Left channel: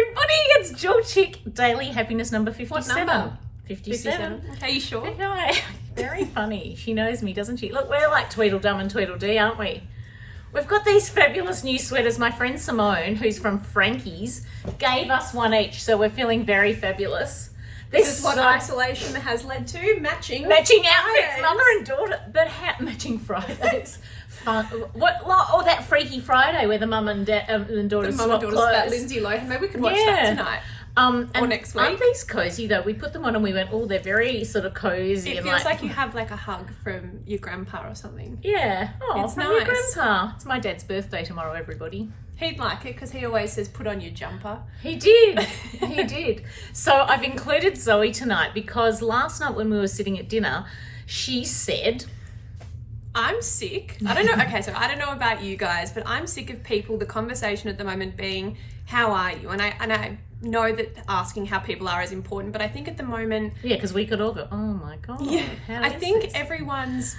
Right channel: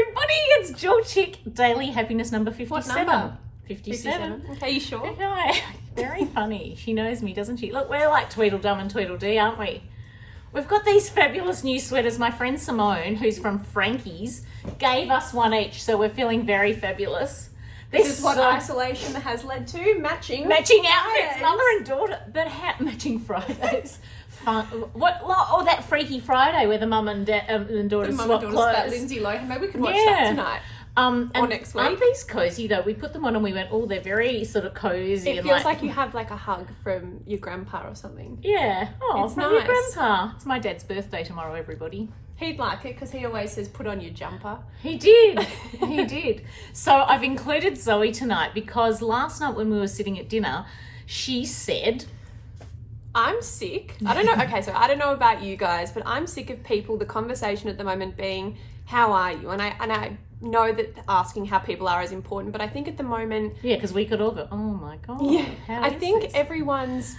everybody. It's Jewelchic Daily Happiness number 57. What number? 57. Are you sure? No, very funny. She knows me, doesn't she? Look, we're like Tweedledum and Tweedledee, aren't we? We've got these fabulous new sweaters. My friend Simone, who's from Frankie's, gave us one each, so we're feeling very fabulous. This is what isolation has led to. Matching outfits, Fridays. mother and daughter. But matching Fridays. Fun. What? Oh, that Freaky Friday where the mum and daughter swap clothes. That Lindsay Lohan. Maybe we could watch that tonight. Or next week. Aren't these cozy though? We put them on and we went, oh, they're very sort of cozy. It feels like you have like a hug from your grandpa or something. Yeah. Oh, it's from nice. your grandpa. It's my dad's birthday tomorrow, everybody. He'd like it because he always says, put on your jumper. He did. He did. So I've included Zoe tonight because last night when we were sitting at dinner, she said, I'm sick. I don't know. Okay, so I don't know about you guys, but I'm sick of people, the conversation at the moment being, how are you? And I know that asking how people are is important, but I think at the moment... Yeah, because we could all go, oh my God, yeah, how I is think this? everyone's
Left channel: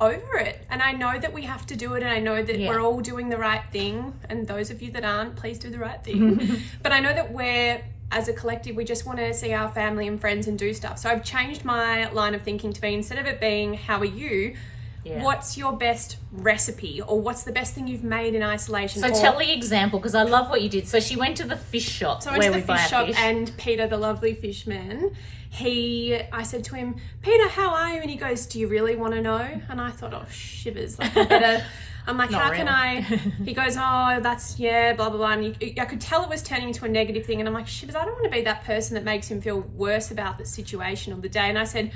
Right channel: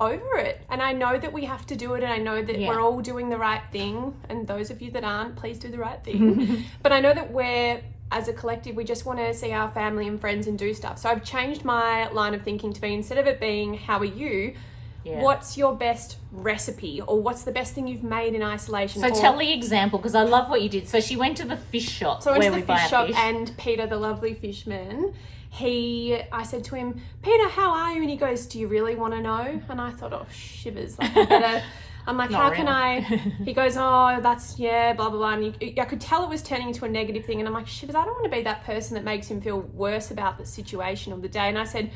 over it. And I know that we have to do it, and I know that we're all doing the right thing. And those of you that aren't, please do the right thing. But I know that as a collective, we just want to see our family and friends and do stuff. So I've changed my line of thinking to be, instead of it being, how are you? Yeah. What's your best recipe, or what's the best thing you've made in isolation? So tell the example, because I love what you did. So she went to the fish shop where we buy fish shop, fish. And Peter, the lovely fishman, I said to him, Peter, how are you? And he goes, do you really want to know? And I thought, oh, shivers. Like, I'm like, how can I? He goes, oh, that's, blah, blah, blah. And I could tell it was turning into a negative thing. And I'm like, shivers, I don't want to be that person that makes him feel worse about the situation of the day. And I said,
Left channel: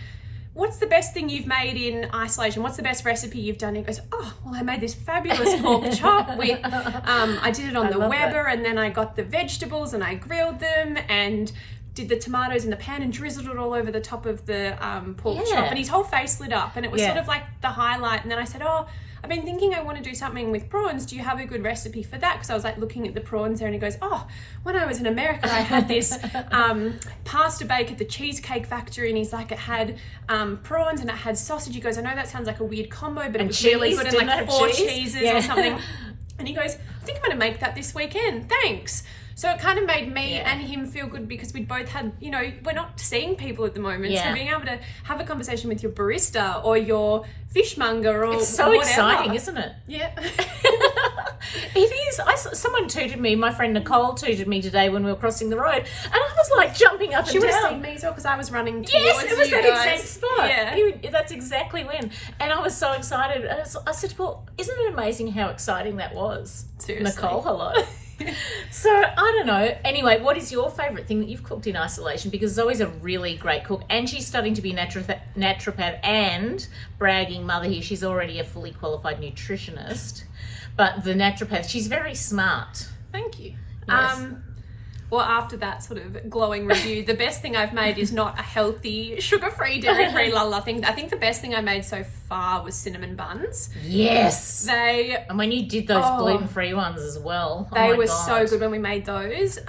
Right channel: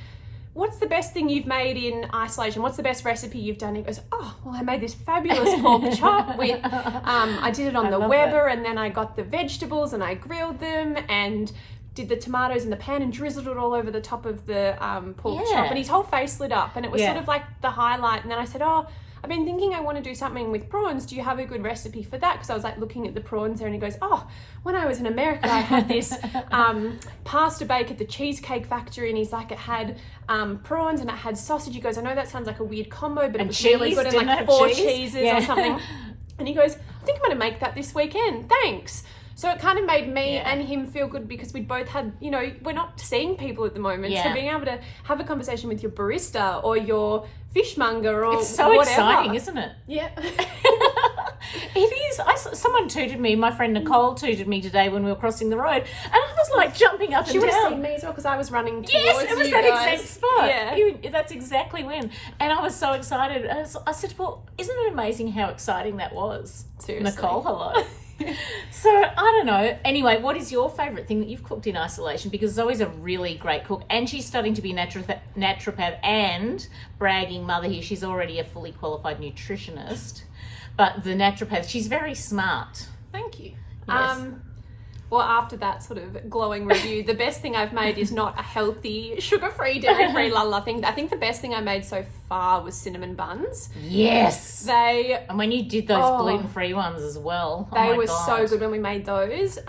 what's the best thing you've made in isolation? What's the best recipe you've done? He goes, oh, well, I made this fabulous pork chop with, I did it on the Weber, and then I got the vegetables and I grilled them and did the tomatoes in the pan and drizzled it all over the top of the pork chop. And his whole face lit up, and it was sort of like the highlight. And then I said, oh, I've been thinking I want to do something with prawns. Do you have a good recipe for that? Because I was like looking at the prawns there, and he goes, oh, when I was in America, I had this pasta bake at the Cheesecake Factory, and he's like, it had prawns and it had sausage. He goes, I know that sounds like a weird combo, but it was really good, and like 4 cheeses or something. And he goes, I think I'm going to make that this weekend. Thanks. So it kind of made me and him feel good, because we both had, we're not seeing people at the moment. So being able to have a conversation with your barista or your fishmonger or it's so whatever. Exciting, isn't it? Yeah. It is. Someone tooted me, my friend Nicole tooted me today when we were crossing the road, and I was like jumping up and down. She would have seen me as well, because I was running towards you guys. Yes, it was that exact spot. Yeah. That's exactly when. And I was so excited. I said, well, isn't it amazing how exciting that was? Seriously. Nicole, hello. So I don't know. Anyway, what is your favourite thing that you've cooked in isolation? Because Zoe's a really great cook, and she's starting to be naturopath and bragging mother here. She's already a fully qualified nutritionist, but the naturopath, she's very smart. Thank you. Yes. Well, after that sort of glowing review, the best thing I've made is not a healthy, sugar-free, dairy-free thing. I think the best thing I made so far was cinnamon buns. Yes. And when you did those gluten-free ones as well. They were so good when we made those.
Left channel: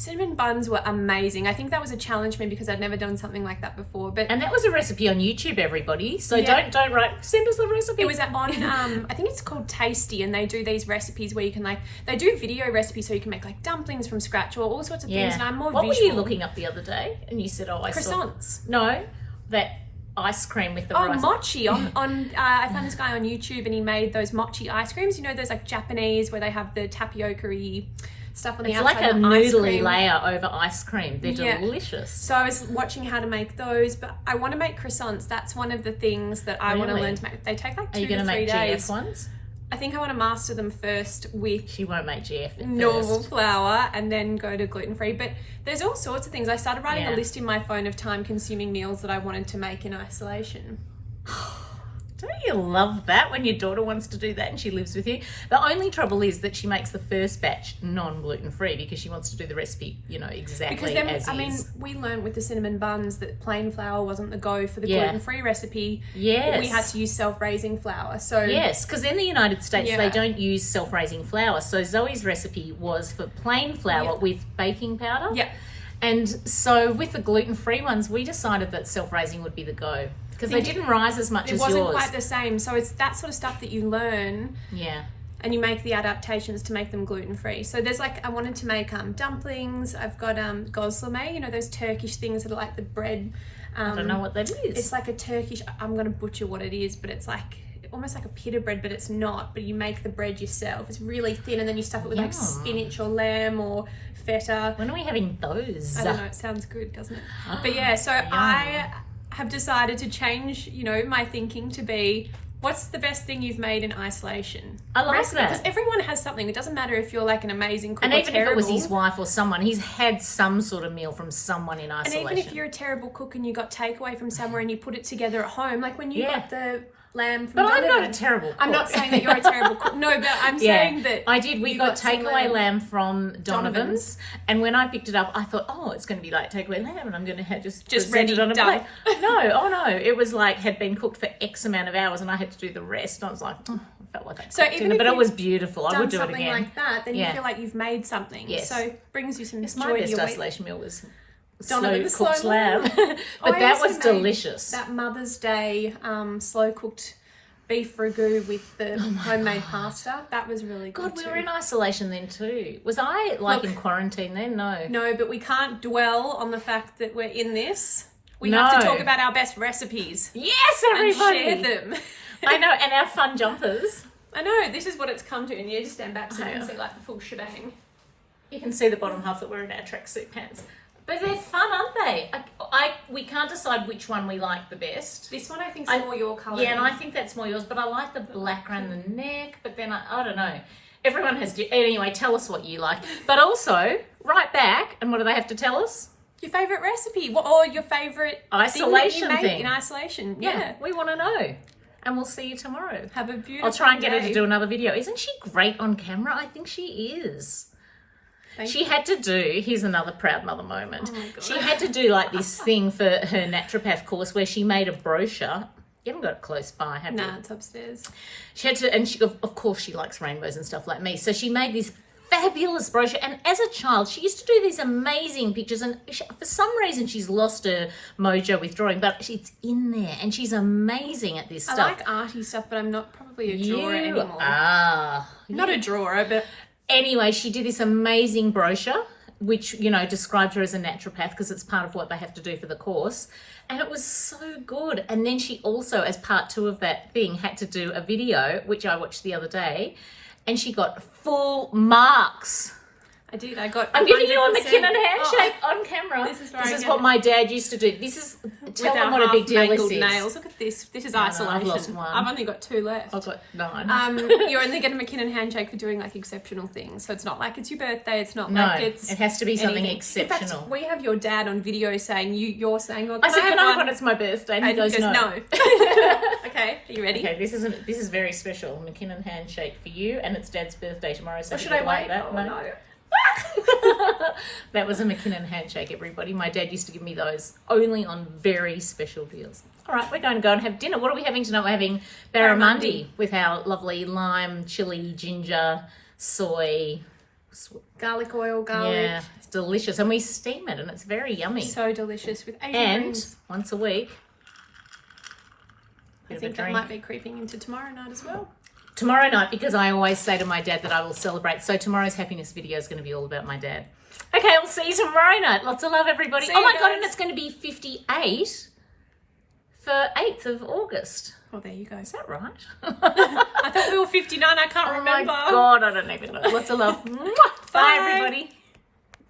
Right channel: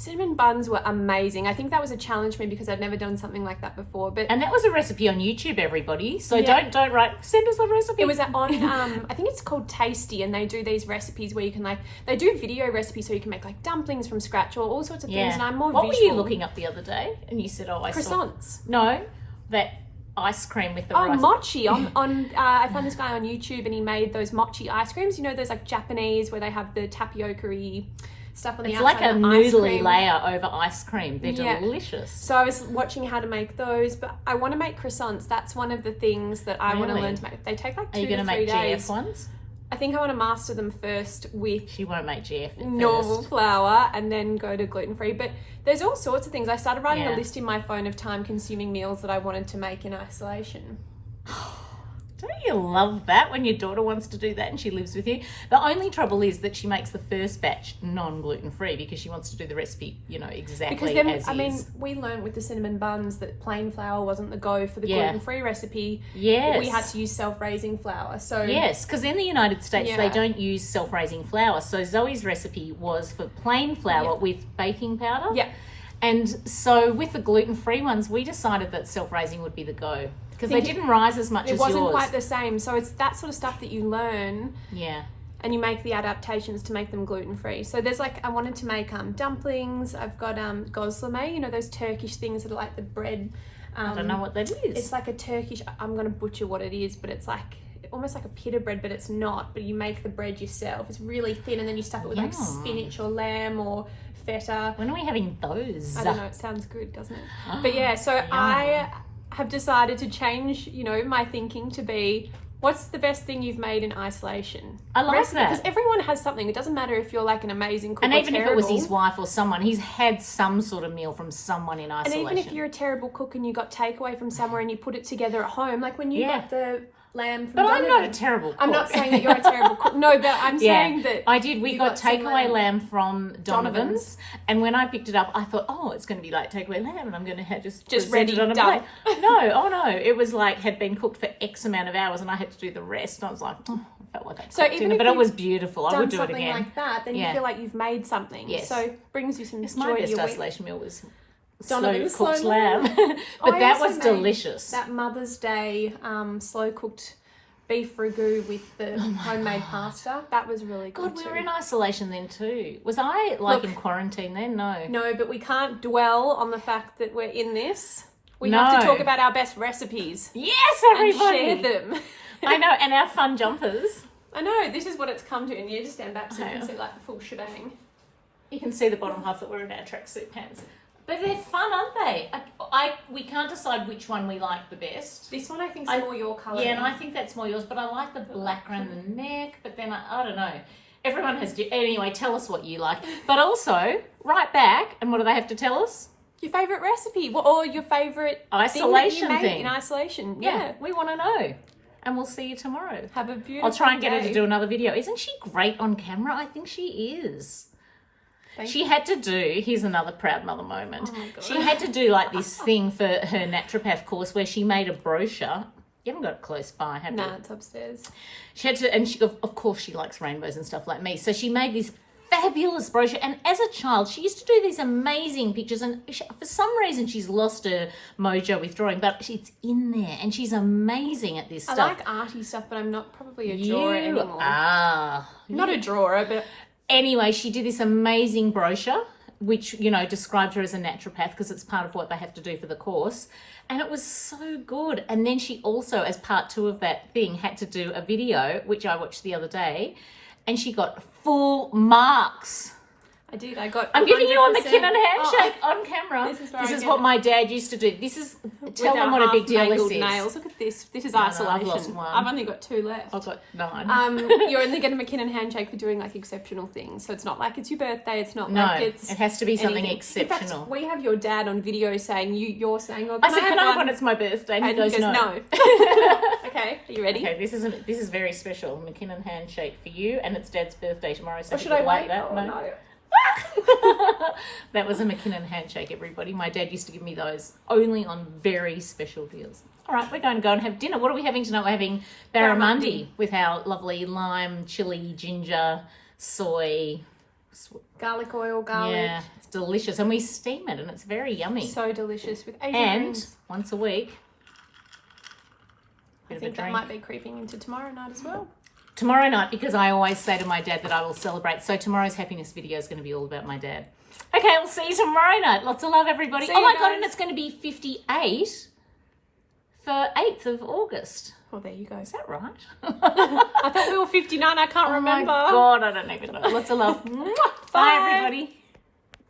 Cinnamon buns were amazing. I think that was a challenge for me because I'd never done something like that before. And that was a recipe on YouTube, everybody. So don't write, send us the recipe. It was on, I think it's called Tasty, and they do these recipes where you can they do video recipes so you can make dumplings from scratch or all sorts of things. And I'm more What visual. were you looking up the other day? And you said, I croissants. saw... No, that ice cream with the rice. Mochi. I found this guy on YouTube, and he made those mochi ice creams. Those Japanese where they have the tapioca-y stuff on the outside. It's like a noodly layer over ice cream. They're delicious. So I was watching how to make those, but I want to make croissants. That's one of the things that I want to learn to make. They take 2 to 3 days. Are you going to make GF ones? I think I want to master them first with... She won't make GF at normal first. flour, and then go to gluten-free. But there's all sorts of things. I started writing a list in my phone of time-consuming meals that I wanted to make in isolation. Don't you love that when your daughter wants to do that and she lives with you? The only trouble is that she makes the first batch non-gluten free because she wants to do the recipe, exactly as is. We learned with the cinnamon buns that plain flour wasn't the go for the gluten-free recipe. Yes. We had to use self-raising flour. So yes, because in the United States they don't use self-raising flour. So Zoe's recipe was for plain flour with baking powder. Yeah. And so with the gluten-free ones, we decided that self-raising would be the go. Because they didn't rise as much as yours. It wasn't quite the same. So it's that sort of stuff that you learn. Yeah. and you make the adaptations to make them gluten-free. So there's like, I wanted to make dumplings. I've got gozleme, you know, those Turkish things that are like the bread. I don't know what that is. It's like a Turkish, I'm going to butcher what it is, but it's like almost like a pita bread, but it's not. But you make the bread yourself. It's really thin, and then you stuff it with like spinach or lamb or feta. When are we having those? I don't know. It sounds good, doesn't it? But yeah, so I have decided to change, you know, my thinking to be, what's the best thing you've made in isolation? I like that. Because everyone has something. It doesn't matter if you're like an amazing cook and or even terrible. if it was his wife or someone, he's had some sort of meal from someone in isolation. And even if you're a terrible cook and you got takeaway from somewhere and you put it together at home, like when you got the lamb from But Donovan. I'm not a terrible cook. I'm not saying that you're a terrible cook. No, but I'm saying that I did. We got takeaway lamb from Donovan's, and when I picked it up, I thought, oh, it's going to be like takeaway lamb, and I'm going to have just present ready, it on a done. plate. No, it was like had been cooked for X amount of hours, and I had to do the rest. And I was like, I felt like I cooked dinner, but it was beautiful. I would do it again. Like that, then you feel like you've made something. Yes. So brings you some It's joy my to best your week. isolation meal was Donovan's slow cooked slow lamb, lamb. but that was made delicious. That Mother's Day slow cooked beef ragu with the homemade pasta. That was really good. God, we were in isolation then too. Was I like in quarantine then? No. No, but we can't dwell on the fact that we're in this. We have to talk about our best recipes. Yes, everybody. And share them. I know, and our fun jumpers. I know, this is what it's come to. And you just stand back so you can see like the full shebang. You can see the bottom half that we're in our tracksuit pants. But they're fun, aren't they? We can't decide which one we like the best. This one I think is more your colour. Yeah, and I think that's more yours, but I like the black around the neck, but then I don't know. Everyone has... Anyway, tell us what you like. But also, right back, and what do they have to tell us? Your favourite recipe, or your favourite isolation thing in isolation. Yeah, we want to know. And we'll see you tomorrow. Have a beautiful I'll try and get her day. to do another video. Isn't she great on camera? I think she is. She had to do, here's another proud mother moment. Oh my God. She had to do like this thing for her naturopath course where she made a brochure. You haven't got it close by, have you? No, it's upstairs. She had to, and she, of course she likes rainbows and stuff like me. So she made this fabulous brochure. And as a child, she used to do these amazing pictures. And for some reason, she's lost her mojo with drawing, but it's in there. And she's amazing at this stuff. I like arty stuff, but I'm not probably a drawer anymore. Not a drawer, but... Anyway, she did this amazing brochure, which, you know, described her as a naturopath because it's part of what they have to do for the course. And it was so good. And then she also, as part 2 of that thing, had to do a video, which I watched the other day, and she got full marks. I did. I got. I'm giving you a McKinnon handshake on camera. This is what my dad used to do. This is tell them what a big deal this is. Nails. Look at this. This is isolation. I've lost one. I've only got 2 left. I've got 9. You're only getting a McKinnon handshake for doing like exceptional things. So it's not like it's your birthday. It's not No, like it's. it has to be something anything. exceptional. In fact, we have your dad on video saying you're saying. Well, I said, can I have one? one? It's my birthday. And he And goes, no. Okay, are you ready? Okay, this is very special. McKinnon handshake for you, and it's Dad's birthday tomorrow. So Or should I like wait? that, Oh, no. That was a McKinnon handshake, everybody. My dad used to give me those only on very special deals. All right, we're going to go and have dinner. What are we having tonight? We're having barramundi with our lovely lime, chili, ginger, soy, Garlic oil, garlic. Yeah, it's delicious, and we steam it, and it's very yummy. So delicious with Asian And greens. once a week, I think that might be creeping into tomorrow night as well. Tomorrow night, because I always say to my dad that I will celebrate. So tomorrow's happiness video is going to be all about my dad. Okay, we'll see you tomorrow night. Lots of love, everybody. See Oh my you God, guys. and it's going to be 58 for 8th of August. Oh, there you go. Is that right? I thought we were 59. I can't Oh remember. my God, I don't even know. Lots of love. Mwah. Bye, everybody.